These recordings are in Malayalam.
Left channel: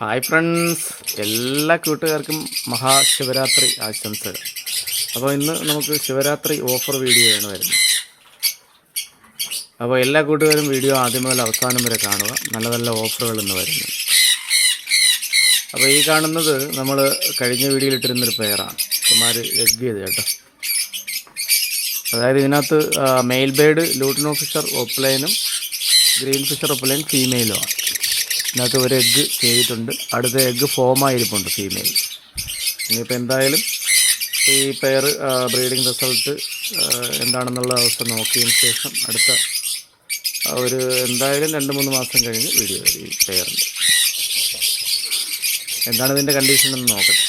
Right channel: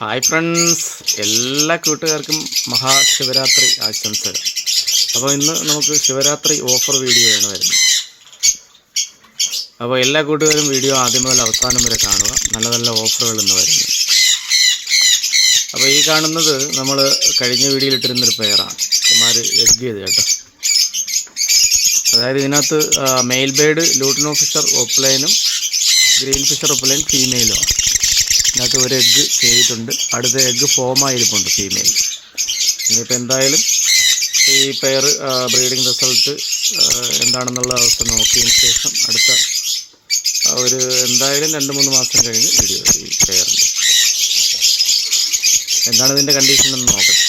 ഹായ് ഫ്രണ്ട്സ് എല്ലാ കൂട്ടുകാർക്കും മഹാശിവരാത്രി ആശംസകൾ. അപ്പോൾ ഇന്ന് നമുക്ക് ശിവരാത്രി ഓഫർ വീഡിയോയാണ് വരുന്നത്. അപ്പോൾ എല്ലാ കൂട്ടുകാരും വീഡിയോ ആദ്യം മുതൽ അവസാനം വരെ കാണുക. നല്ല നല്ല ഓഫറുകൾ ഇന്ന് വരുന്നു. അപ്പോൾ ഈ കാണുന്നത് നമ്മൾ കഴിഞ്ഞ വീഡിയോയിൽ ഇട്ടിരുന്നൊരു പെയറാണ് കുമാർ എഗ് ചെയ്ത് കേട്ടോ. അതായത് ഇതിനകത്ത് മെയിൽ ബേഡ് ലൂട്ടിനോ ഫിഷർ ഒപ്ലൈനും ഗ്രീൻ ഫിഷർ ഒപ്ലൈൻ ഫീമെയിലുമാണ് ഇതിനകത്ത് ഒരു എഗ്ഗ് ചെയ്തിട്ടുണ്ട്. അടുത്ത എഗ്ഗ് ഫോമായിരിപ്പുണ്ട് ഫീമെയിൽ ഇനിയിപ്പോൾ എന്തായാലും ഈ പെയർ ബ്രീഡിംഗ് റിസൾട്ട് എന്താണെന്നുള്ള അവസ്ഥ നോക്കിയതിന് ശേഷം അടുത്ത ഒരു എന്തായാലും രണ്ട് മൂന്ന് മാസം കഴിഞ്ഞ് വീഡിയോ ഈ പെയറിന്റെ എന്താണ് ഇതിന്റെ കണ്ടീഷൻ എന്ന് നോക്കട്ടെ.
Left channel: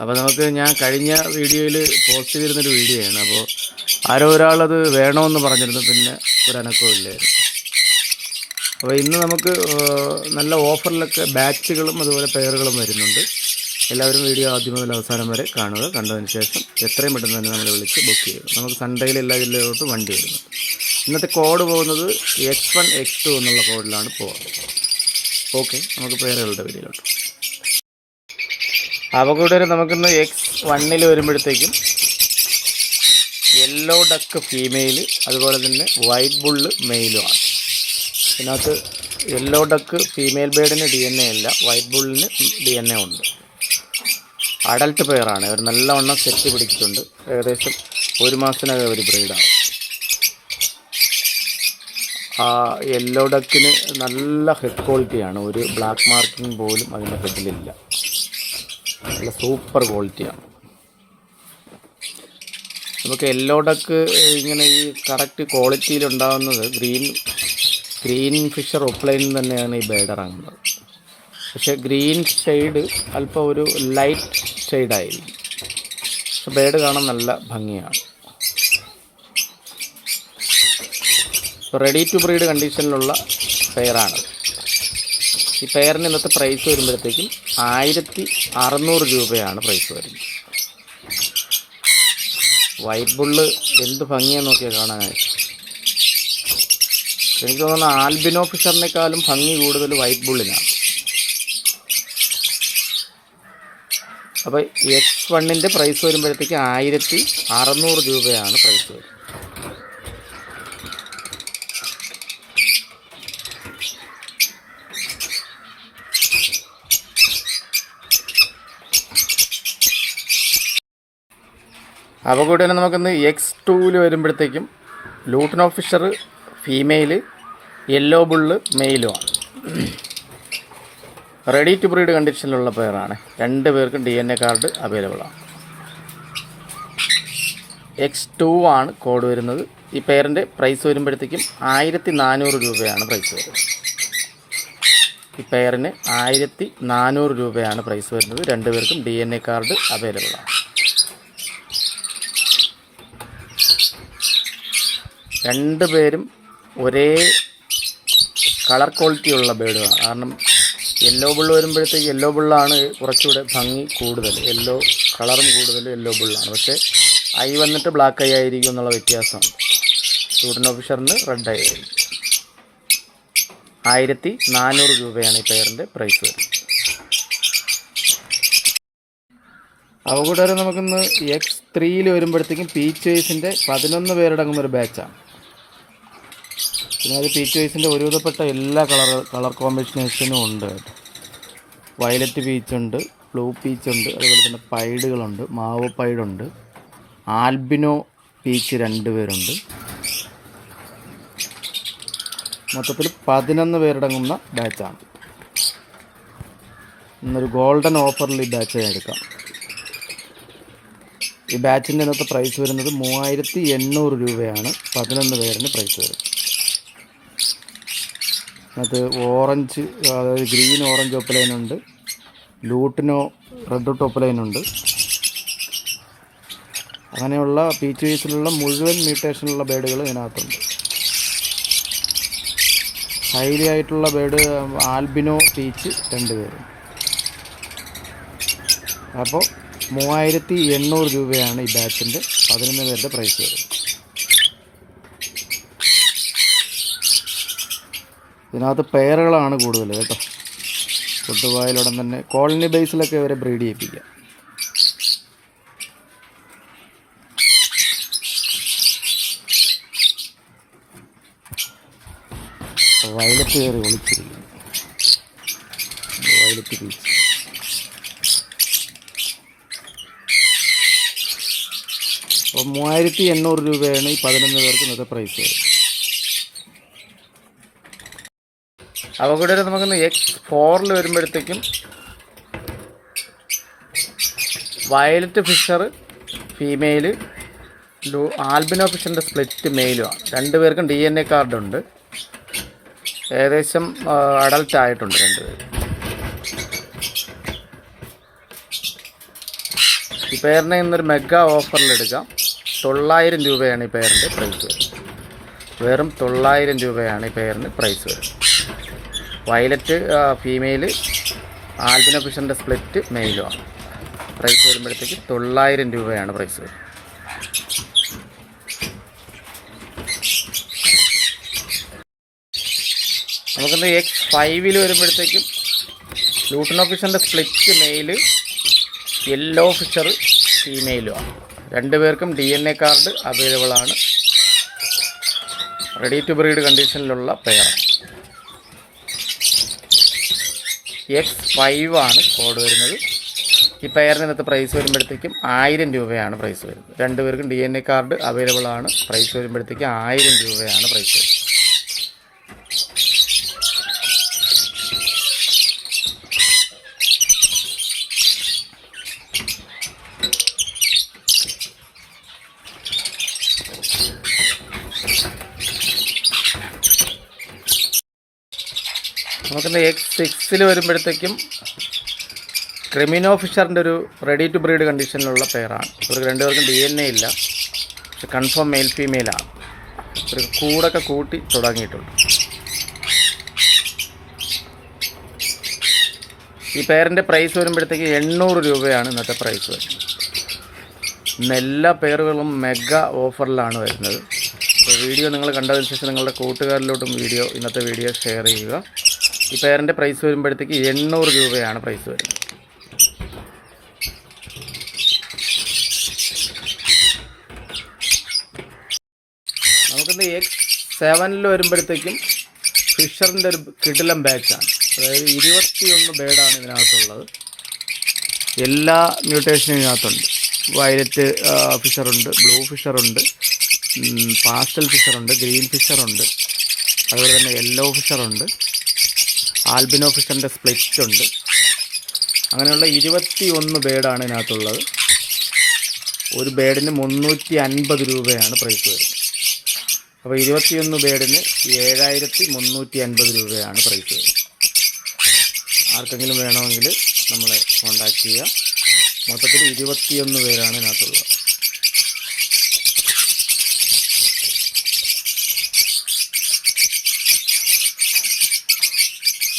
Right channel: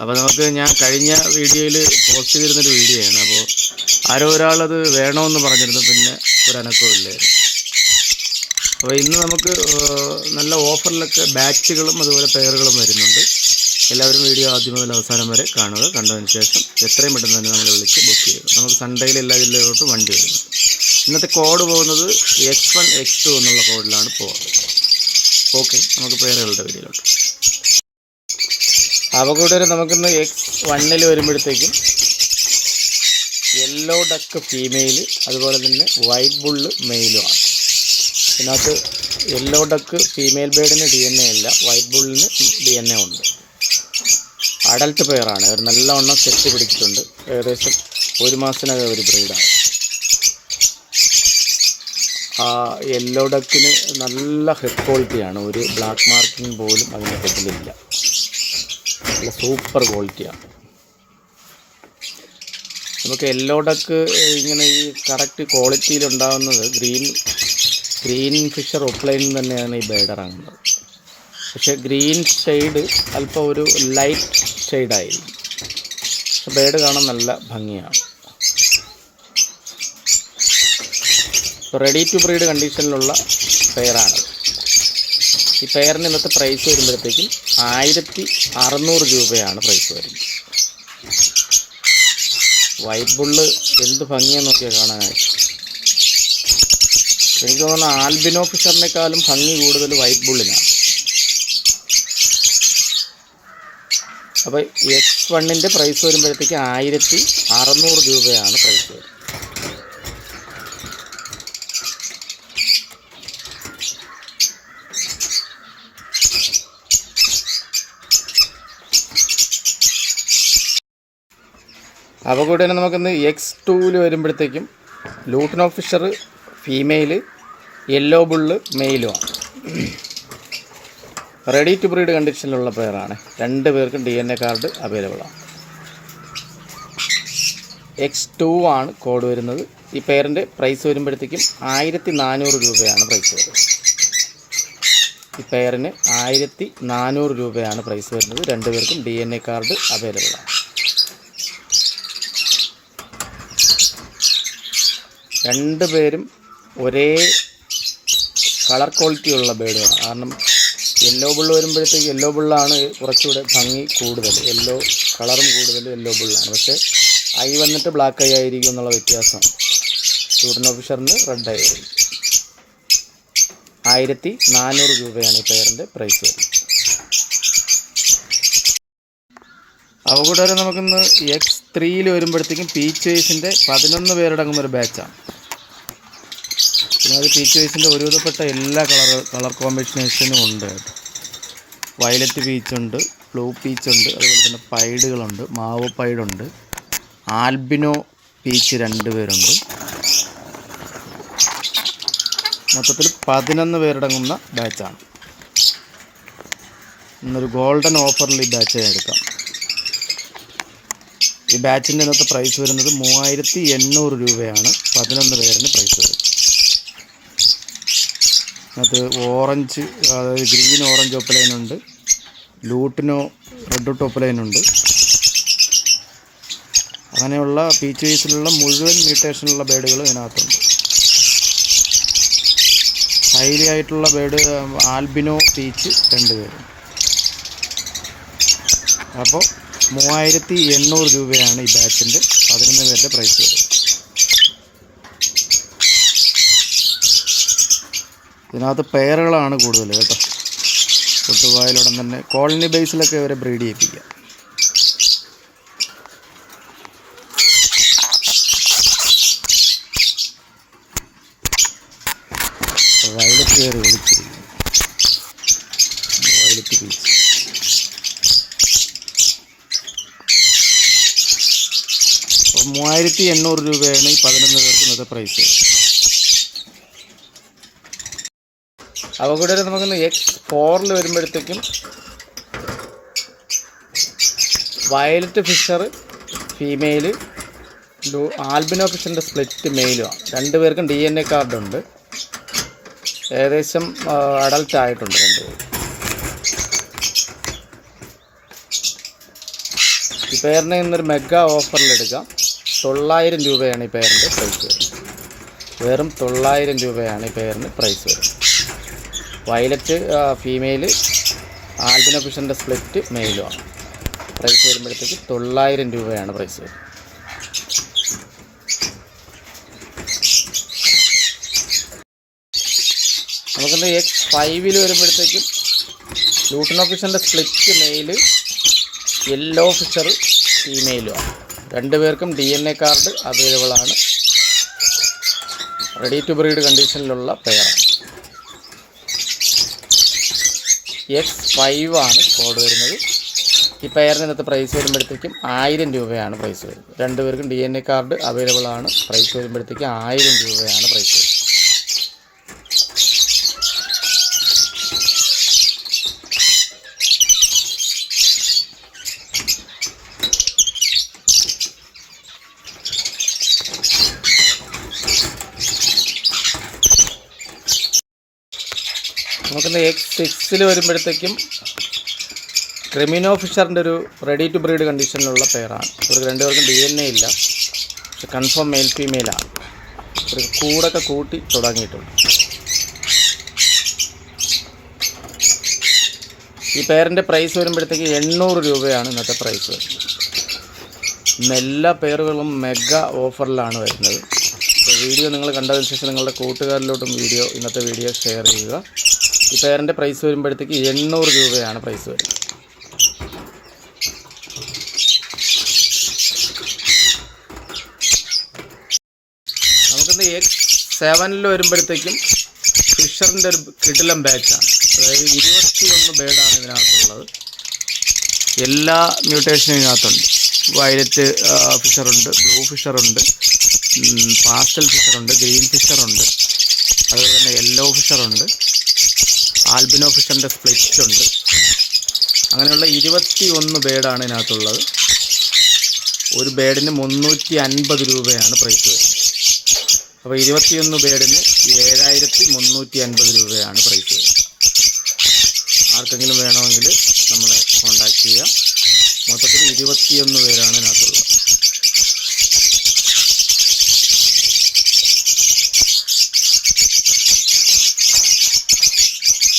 അപ്പോൾ നമുക്ക് ഞാൻ കഴിഞ്ഞ വീഡിയോയിൽ പോസ്റ്റ് ചെയ്തിരുന്നൊരു വീഡിയോയാണ് അപ്പോൾ ആരോ ഒരാളത് വേണമെന്ന് പറഞ്ഞിരുന്നു. പിന്നെ ഒരു അനക്കവും ഇല്ലായിരുന്നു. അപ്പോൾ ഇന്ന് നമുക്ക് നല്ല ഓഫറിലൊക്കെ ബാച്ചുകളും അതുപോലെ പെയറുകളും വരുന്നുണ്ട്. എല്ലാവരും വീഡിയോ ആദ്യം മുതൽ അവസാനം വരെ കാണുക. കണ്ടതിന് ശേഷം എത്രയും പെട്ടെന്ന് തന്നെ നമ്മളെ വിളിച്ച് ബുക്ക് ചെയ്യുക. നമുക്ക് സൺഡേയിൽ എല്ലാ ജില്ലയിലോട്ടും വണ്ടി വരുന്നു ഇന്നത്തെ കോഡ് പോകുന്നത് എക്സ് വൺ എക്സ് ടു എന്നുള്ള കോഡിലാണ് പോകുന്നത് ഓക്കെ നമുക്ക് പേരുകളുടെ വീഡിയോയിലോട്ട്. അവകൂടെ നമുക്കിന്ന് എക്സ് വണ്ണിൽ വരുമ്പോഴത്തേക്കും യെല്ലോ ഡക്ക് ഫീമെയിൽ അതുപോലെ തന്നെ വൈറ്റ് ബുള്ള് മെയിലുമാണ് ഇതിനകത്ത് യെല്ലോ ഡക്ക് ഫീമെയിൽ ബേഡിന് ഡി എൻ എ ഇല്ല വൈറ്റ് ബുള്ളിന് ഡി എൻ എ ഉണ്ട്. അഡൽട്ട് പെയറാണ് ഒരു നല്ലവണ്ണം സെറ്റ് പിടിച്ചിട്ടുണ്ട്. ഏകദേശം ഒരു മാസത്തിനകം ഒരു ബ്രീഡാണ് ആ യെല്ലോ ഡക്കിന് നല്ല ഹെഡ് ക്വാളിറ്റിയാണ് ഒരു ബ്ലാക്ക് മാർക്കിംഗ് പോലും അതിന്റെ ഹെഡിലില്ല നല്ല സൂപ്പർ ക്വാളിറ്റിയാണ് നമുക്ക് യെല്ലോ ഡക്ക് ഇങ്ങനെ ഈ കറക്റ്റ് ക്വാളിറ്റിയിൽ ഉണ്ടാകുന്നത് ഗ്രീൻ ഗ്രീൻ ഫിഷർ ഓപ്ലൈനിൽ തന്നെയാണ് ഈ ബേഡ് ഇറങ്ങുന്നത്. പക്ഷേ ഗ്രീൻ ഷെയ്ഡ് അല്പം ഒരു ലൈറ്റ് ഷെയ്ഡായിരിക്കും പക്ഷെ ബേഡ് കാണാൻ നല്ല ഭംഗിയാണ്. റെഡി ടു ബ്രീഡ് കണ്ടീഷനിലുള്ള പെയറാണ് ഈ പെയറിന് ഇന്നത്തെ പ്രൈസ് വരുമ്പോഴത്തേക്കും ആയിരത്തി അറുന്നൂറ് രൂപയാണ് പ്രൈസ് വരുന്നത്. വൈറ്റ് ബുള്ള് എന്ത് ഭംഗിയാണെന്ന് നോക്കിയാൽ കാണാനായിട്ട്. എനിക്ക് തോന്നുന്നു ആൽബിനോ ഫിഷറിനേക്കാളും ഭംഗി കൂടുതൽ വൈറ്റ് ബുള്ളിനാണ് അപ്പോൾ എക്സ് വണ്ണിന്റെ പ്രൈസ് വരുമ്പോഴത്തേക്ക് ആയിരത്തി അറുന്നൂറ് രൂപയാണ് പ്രൈസ് വരുന്നത്. അപ്പോൾ കൂടെ തന്നെ നമുക്കിന്ന് എക്സ് ടൂവിൽ വരുമ്പോഴത്തേക്കും lutino fisher female yellow bull മെയിലുമാണ് ready to breed കണ്ടീഷനിലുള്ള പെയറാണ് രണ്ട് പേർക്കും D N A card available ആണ്. എക്സ് ടു ആണ് കോഡ് വരുന്നത്. ഈ പെയറിന്റെ പ്രൈസ് വരുമ്പോഴത്തേക്കും ആയിരത്തി നാനൂറ് രൂപയാണ് പ്രൈസ് വരുന്നത്. ഈ പെയറിന് ആയിരത്തി നാനൂറ് രൂപയാണ് പ്രൈസ് വരുന്നത്. രണ്ട് പേർക്കും D N A card available ആണ്. രണ്ട് പേരും ഒരേ കളർ ക്വാളിറ്റി ഉള്ള ബേഡുകളാണ് കാരണം യെല്ലോ ബിള്ള് വരുമ്പോഴത്തേക്ക് യെല്ലോ ബുള്ളാണ് കുറച്ചുകൂടെ ഭംഗി കൂടുതൽ. യെല്ലോ കളറും കൂടുതൽ യെല്ലോ ബുള്ളാണ് പക്ഷേ ഐ വന്നിട്ട് ബ്ലാക്ക് ഐ ആയിരിക്കും എന്നുള്ള വ്യത്യാസം. സ്റ്റുഡന്റ് ഓഫീസറിന് റെഡ് ഐ ആയിരിക്കും. ആയിരത്തി നാനൂറ് രൂപയാണ് ഈ പെയറിന്റെ പ്രൈസ് വരുന്നത്. അവ കൂടാതെ നമുക്കിന്ന് എക്സ് ത്രീയിൽ വരുമ്പോഴത്തേക്കും പീച്ച് വൈസിന്റെ പതിനൊന്ന് പേരടങ്ങുന്ന ഒരു ബാച്ചാണ് അത് പീച്ച് വൈസിന്റെ ഒരുവിധപ്പെട്ട എല്ലാ കളർ കളർ കോമ്പിനേഷനും ഉണ്ട് കേട്ടോ. വയലറ്റ് പീച്ചുണ്ട് ബ്ലൂ പീച്ചുണ്ട് അതുപോലെ തന്നെ പൈഡുകളുണ്ട് മാവ് പൈഡുണ്ട് ആൽബിനോ പീച്ച് രണ്ട് പേരുണ്ട് മൊത്തത്തിൽ പതിനൊന്ന് പേരടങ്ങുന്ന ബാച്ചാണ് ഇന്നൊരു ഗോൾഡൻ ഓഫറിൽ ഈ ബാച്ച് എടുക്കാം. ഈ ബാച്ചിന്റെ ഇന്നത്തെ പ്രൈസ് വരുന്നത് മൂവായിരത്തി എണ്ണൂറ് രൂപയാണ്. പതിനൊന്ന് പേരിന് പ്രൈസ് വരുന്നത്. അത് ഓറഞ്ച് അതായത് ഗ്രീൻ ഓറഞ്ച് ഒപ്പലൈനുണ്ട് ലൂട്ടിനോ റെഡ് ഒപ്പലൈനുണ്ട് അങ്ങനെയുള്ള പീച്ച് വൈസിലുള്ള മുഴുവൻ മ്യൂട്ടേഷനുള്ള ബേഡുകൾ ഇതിനകത്തുണ്ട്. ഹൈലി ആയിട്ടുള്ള ബേഡ് ആൽബിനോ പീച്ച് രണ്ട് പേര്. അപ്പോൾ മൂവായിരത്തി എണ്ണൂറ് രൂപയാണ് ഈ ബാച്ചിന്റെ പതിനൊന്ന് പേരുടെ പ്രൈസ് വരുന്നത്. ഇതിനകത്ത് പെയറുകളാണ് കൂടുതൽ കേട്ടോ. കൊട്ടുവായിലുടൻ തന്നെ കോളനി ബേസിലൊക്കെ ഇവരെ ബ്രീഡ് ചെയ്യിപ്പിക്കാം വയലറ്റ് കയറി ഒളിച്ചിരിക്കുന്നു. വയലറ്റ് പീസ് അപ്പോൾ മൂവായിരത്തി എണ്ണൂറ് രൂപയാണ് ഈ പതിനൊന്ന് പേർക്ക് ഇന്നത്തെ പ്രൈസ് അപ്പോൾ കൂടെ നമുക്കൊന്ന് എക്സ് ഫോറിൽ വരുമ്പോഴത്തേക്കും വയലറ്റ് ഫിഷർ ഫീമെയിൽ ലൂ ആൽബിനോ ഫിഷറിന്റെ സ്പ്ലിറ്റ് മെയിലുമാണ് രണ്ടുപേർക്കും ഡി എൻ എ കാർഡുണ്ട് ഏകദേശം അഡൽട്ട് ആയിട്ടുണ്ട് രണ്ടുപേരും ഈ പേരിനെ ഇന്നൊരു മെഗാ ഓഫറിൽ എടുക്കാം. തൊള്ളായിരം രൂപയാണ് ഈ പേരിന്റെ പ്രൈസ് വരുന്നത്. വെറും തൊള്ളായിരം രൂപയാണ് ഈ പേരിന് പ്രൈസ് വരുന്നത്. വയലറ്റ് ഫീമെയിൽ ആൽബിനോ ഫിഷറിന്റെ സ്പ്ലിറ്റ് മെയിലും ആണ്. പ്രൈസ് വരുമ്പോഴത്തേക്ക് തൊള്ളായിരം രൂപയാണ് പ്രൈസ് നമുക്കിന്ന് എക്സ് ഫൈവിൽ വരുമ്പോഴത്തേക്കും ലൂട്ടൻ ഫിഷറിന്റെ സ്പ്ലിറ്റ് മെയിൽ യെല്ലോ ഫിഷർ ഫീമെയിലും ആണ്. രണ്ടുപേർക്കും D N A card available ആണ്. റെഡി ടു ബ്രീഡ് കണ്ടീഷനിലുള്ള പെയറാണ് എക്സ് ഫൈവ് ആണ് കോഡ് വരുന്നത്. ഈ പെയറിന് ഇന്നത്തെ പ്രൈസ് വരുമ്പോഴത്തേക്കും ആയിരം രൂപയാണ് പ്രൈസ് വരുന്നത്. രണ്ടുപേർക്കും D N A card available ആണ്. പ്രൈസ് വരുമ്പോഴത്തേക്കും ആയിരം രൂപയാണ് പ്രൈസ് വരുന്നത്. നമുക്കിന്ന് എക്സ് സിക്സിൽ വരുമ്പോഴത്തേക്കും ക്രിമിനോ ഫിഷറിന്റെ ഒരു റെഡി ടു ബ്രീഡ് കണ്ടീഷനിലുള്ള പെയറാണ് ഇവർക്ക് രണ്ടുപേർക്കും ഡി എൻ എ ഇല്ല. പക്ഷെ കൺഫേം മെയിൽ ഫീമെയിലാണ് ഇവർക്ക് കൂടൊക്കെ കൂട്ടി തുടങ്ങിയിട്ടുണ്ട്. ഈ പെയറിന്റെ പ്രൈസ് വരുമ്പോഴത്തേക്ക് എണ്ണൂറ് രൂപയാണ് ഇന്നത്തെ പ്രൈസ് വരുന്നത് ഇന്ന് എല്ലാ പെയറുകളും മെഗാ ഓഫറിലാണ് വരുന്നത്. അപ്പോൾ വീഡിയോ നിങ്ങൾ കണ്ടതിന് ശേഷം നിങ്ങളുടെ കൂട്ടുകാരിലോട്ടും വീഡിയോ ഇന്നത്തെ വീഡിയോ ഷെയർ ചെയ്യുക. ഈ പേരന്റെ പ്രൈസ് വരുമ്പോഴത്തേക്ക് എണ്ണൂറ് രൂപയാണ് പ്രൈസ് വരുന്നത്. നമുക്കിന്ന് എക്സ് സെവനിൽ വരുമ്പോഴത്തേക്കും ഫിഷറിന്റെ ഒരു കിടിലം ബാച്ചാണ് അതായത് ഇരുപത്തിയൊന്ന് ബേഡാണ് ഇതിനകത്തുള്ളത്. എല്ലാ മ്യൂട്ടേഷനും ഇതിനകത്തുണ്ട്. വയലറ്റ് ഫിഷറുണ്ട് ബ്ലൂ ഫിഷറുണ്ട് പാസ്റ്റൽ ഫിഷറുണ്ട് ഗ്രീൻ ഫിഷറുണ്ട് അതുപോലെ തന്നെ യെല്ലോ ഫിഷറുണ്ട് ആൽബിനോ ഫിഷറിന്റെ സ്പ്ലിറ്റ് ഉണ്ട് അങ്ങനെയുള്ള ഇരുപത്തി ഒന്ന് ബേഡാണ് ഇതിനകത്തുള്ളത്. ഒരു ബേഡിന് മുന്നൂറ്റി അൻപത് രൂപയാണ് പ്രൈസ് വരുന്നത്. അപ്പോൾ ഇരുപത്തിയൊന്ന് ബേഡിന് ഏഴായിരത്തി മുന്നൂറ്റി അൻപത് രൂപയാണ് പ്രൈസ് വരുന്നത്. ആർക്കെങ്കിലും വേണമെങ്കിൽ നമ്മളെ കോൺടാക്റ്റ് ചെയ്യുക മൊത്തത്തിൽ ഇരുപത്തിയൊന്ന് പേരാണ് ഇതിനകത്തുള്ളത്.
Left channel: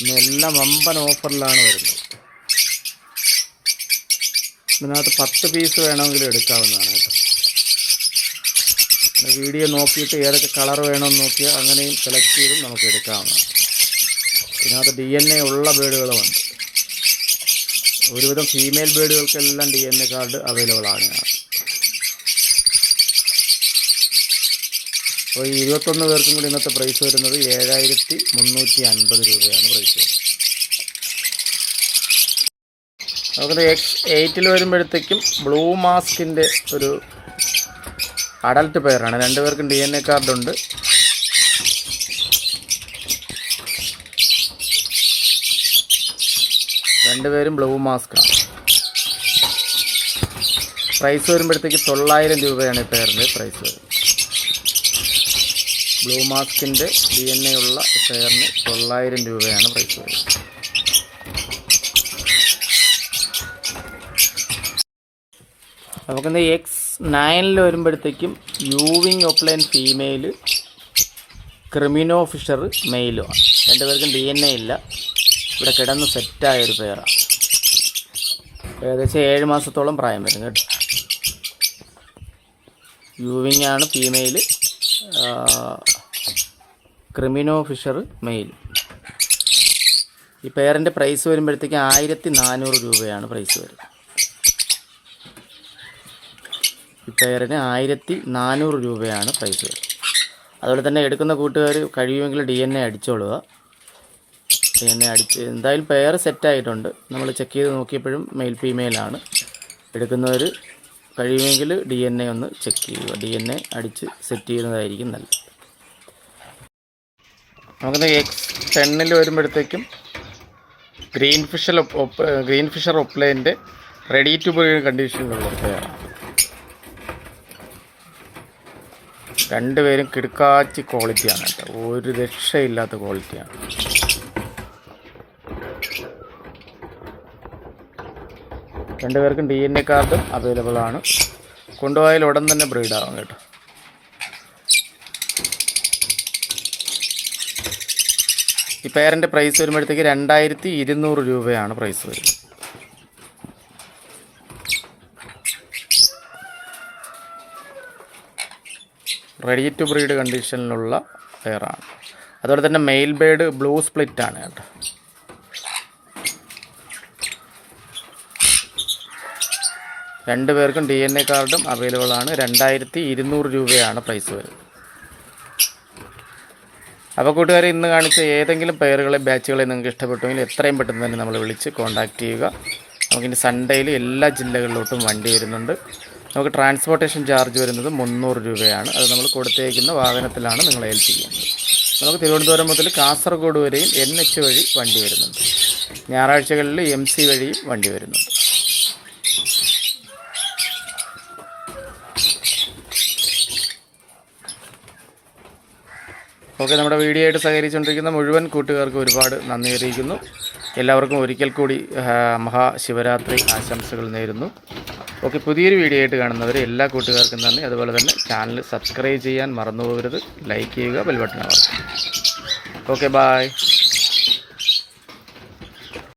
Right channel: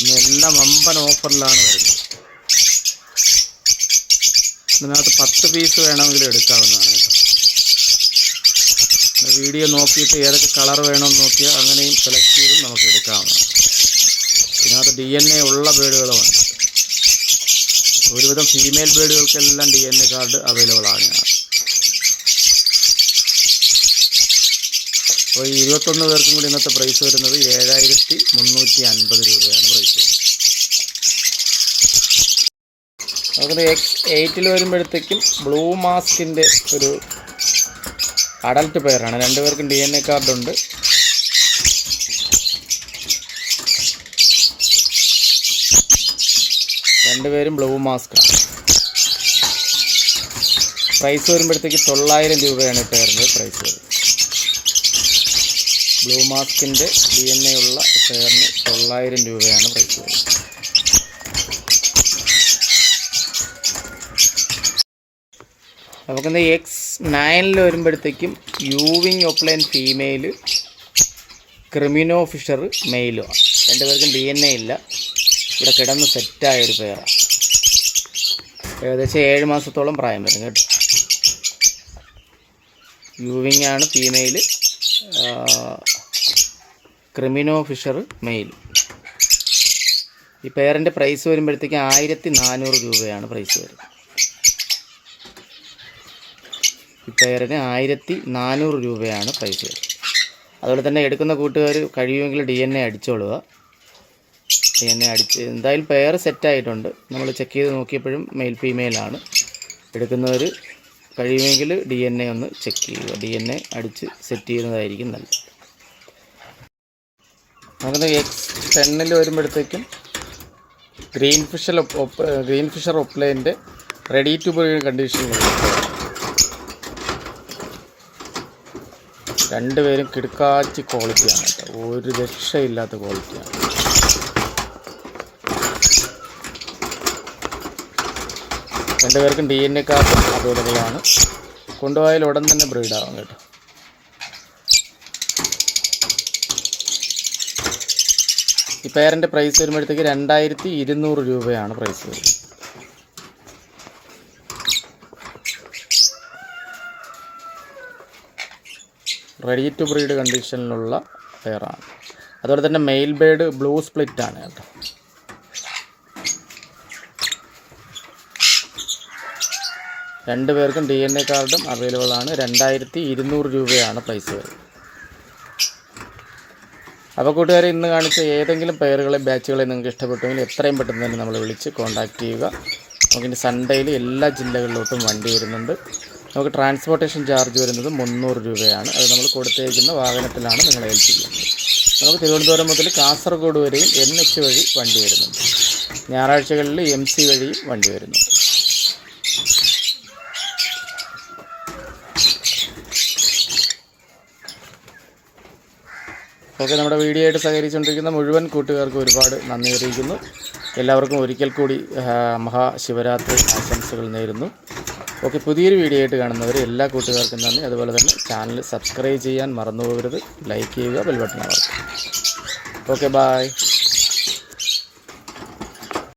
ഇന്നെല്ലാം വമ്പൻ ഓഫറിലാണ് വരുന്നത്. ഇതിനകത്ത് പത്ത് പീസ് വേണമെങ്കിലും എടുക്കാവുന്നതാണ് കേട്ടോ. വീഡിയോ നോക്കിയിട്ട് ഏതൊക്കെ കളർ വേണമെന്ന് നോക്കിയാൽ അങ്ങനെയും സെലക്ട് ചെയ്തും നമുക്ക് എടുക്കാവുന്നതാണ്. ഇതിനകത്ത് ഡി എൻ എ ഉള്ള ബേഡുകളുമുണ്ട്. ഒരുവിധം female ബേഡുകൾക്കെല്ലാം D N A card available ആണ് അപ്പോൾ ഈ ഇരുപത്തൊന്ന് പേർക്കും കൂടി ഇന്നത്തെ പ്രൈസ് വരുന്നത് ഏഴായിരത്തി മുന്നൂറ്റി അൻപത് രൂപയാണ് പ്രൈസ് വരുന്നത്. നമുക്കത് എക്സ് എയ്റ്റിൽ വരുമ്പോഴത്തേക്കും ബ്ലൂ മാസ്കിന്റെ ഒരു അഡൽട്ട് പെയറാണ് രണ്ടുപേർക്കും ഡി എൻ എ കാർഡുണ്ട് രണ്ടുപേരും ബ്ലൂ മാസ്കാണ് പ്രൈസ് വരുമ്പോഴത്തേക്ക് തൊള്ളായിരം രൂപയാണ് ഈ പെയറിന്റെ പ്രൈസ് വരുന്നത്. ബ്ലൂ മാസ്കിന്റെ ഡി എൻ എ ഉള്ള ഷെയറിന് തൊള്ളായിരം രൂപയാണ് പ്രൈസ് വരുന്നത്. നമുക്കിന്ന് എക്സ് നയനിൽ വരുമ്പോഴത്തേക്കും യൂവിങ് ഓപ്ലൈൻ ഫീമെയിൽ ക്രിമിനോ ഫിഷർ മെയിലുമാണ് രണ്ടുപേർക്കും ഡി എൻ എ ഇല്ല. ഇവിടെ കിടന്ന് സെറ്റായ ഒരു പേരാണ് ഏകദേശം ഏഴ് മാസത്തോളം പ്രായം വരും കേട്ടോ. യൂവിങ് ആണ് ഫീമെയിൽ ക്രിമിനോ ഫിഷർ മെയിൽ. ഈ പെയറിന്റെ പ്രൈസ് വരുമ്പോഴത്തേക്ക് ആയിരത്തി നാനൂറ് രൂപയാണ് പ്രൈസ് വരുന്നത്. ഈ പെയറിന് ആയിരത്തി നാനൂറ് രൂപയാണ് പ്രൈസ് വരുന്നത്. അതുപോലെ തന്നെ എടുക്കുന്ന കൂട്ടുകാർ കഴിയുമെങ്കിൽ ഡി എൻ എ അടിച്ചോളുക. ഡി എൻ എ അടിച്ച് എന്തായാലും പെയർ സെറ്റായിട്ടുണ്ട് നമ്മൾ ചെക്ക് ചെയ്ത് നോക്കിയപ്പോഴും മെയിൽ ഫീമെയിലാണ് എടുക്കുന്നവർ കഴിയുമെങ്കിൽ ഡി എൻ എ ഒന്ന് ചെക്ക് ചെയ്യുക. ഡി എൻ എ അടിച്ച് സെറ്റ് ചെയ്യുന്നതായിരിക്കും നല്ലത്. നമുക്ക് എക്സ് ടെന്നിൽ വരുമ്പോഴത്തേക്കും ഗ്രീൻ ഫിഷർ ഗ്രീൻ ഫിഷർ ഒപ്ലൈന്റെ റെഡി ടു ബ്രീഡ് ഒപ്ലയാണ് രണ്ടുപേരും കിടുക്കാച്ചി ക്വാളിറ്റിയാണ് കേട്ടോ. ഒരു രക്ഷയില്ലാത്ത ക്വാളിറ്റിയാണ് രണ്ടുപേർക്കും ഡി എൻ എ കാർഡും അവൈലബിൾ ആണ്. കൊണ്ടുപോയാൽ ഉടൻ തന്നെ ബ്രീഡ് ആവും കേട്ടോ. ഈ പേരന്റെ പ്രൈസ് വരുമ്പോഴത്തേക്ക് രണ്ടായിരത്തി ഇരുന്നൂറ് രൂപയാണ് പ്രൈസ് വരുന്നത്. റെഡി ടു ബ്രീഡ് കണ്ടീഷനിലുള്ള പെയറാണ് അതുപോലെ തന്നെ മെയിൽ ബേഡ് ബ്ലൂ സ്പ്ലിറ്റ് ആണ് കേട്ടോ. രണ്ട് പേർക്കും ഡി എൻ എ കാർഡും അവൈലബിൾ ആണ്. രണ്ടായിരത്തി ഇരുന്നൂറ് രൂപയാണ് പ്രൈസ് വരുന്നത് അപ്പോൾ കൂട്ടുകാരെ ഇന്ന് കാണിച്ച ഏതെങ്കിലും പെയറുകളെ ബാച്ചുകളെ നിങ്ങൾക്ക് ഇഷ്ടപ്പെട്ടുവെങ്കിൽ എത്രയും പെട്ടെന്ന് തന്നെ നമ്മൾ വിളിച്ച് കോൺടാക്റ്റ് ചെയ്യുക. നമുക്കിനി സൺഡേയിൽ എല്ലാ ജില്ലകളിലോട്ടും വണ്ടി വരുന്നുണ്ട്. നമുക്ക് ട്രാൻസ്പോർട്ടേഷൻ ചാർജ് വരുന്നത് മുന്നൂറ് രൂപയാണ്. അത് നമ്മൾ കൊടുത്തേക്കുന്ന വാഹനത്തിലാണ് നിങ്ങളെ ഏൽപ്പിക്കുന്നത് നമുക്ക് തിരുവനന്തപുരം മുതൽ കാസർഗോഡ് വരെയും എൻ എച്ച് വഴി വണ്ടി വരുന്നുണ്ട്. ഞായറാഴ്ചകളിൽ എം സി വഴിയും വണ്ടി വരുന്നുണ്ട്. ഓക്കെ നമ്മുടെ വീഡിയോ ആയിട്ട് സഹകരിച്ചുകൊണ്ടിരിക്കുന്ന മുഴുവൻ കൂട്ടുകാർക്കും ഒരുപാട് നന്ദി അറിയിക്കുന്നു. എല്ലാവർക്കും ഒരിക്കൽ കൂടി മഹാശിവരാത്രി ആശംസകൾ നേരുന്നു. ഓക്കെ പുതിയൊരു വീഡിയോ ആയിട്ട് കാണുന്നവർ എല്ലാ കൂട്ടുകാർക്കും നന്ദി. അതുപോലെ തന്നെ ചാനൽ സബ്സ്ക്രൈബ് ചെയ്യാൻ മറന്നു പോകരുത്. ലൈക്ക് ചെയ്യുക ബെൽബട്ടൺ അമർത്തുക. Okay bye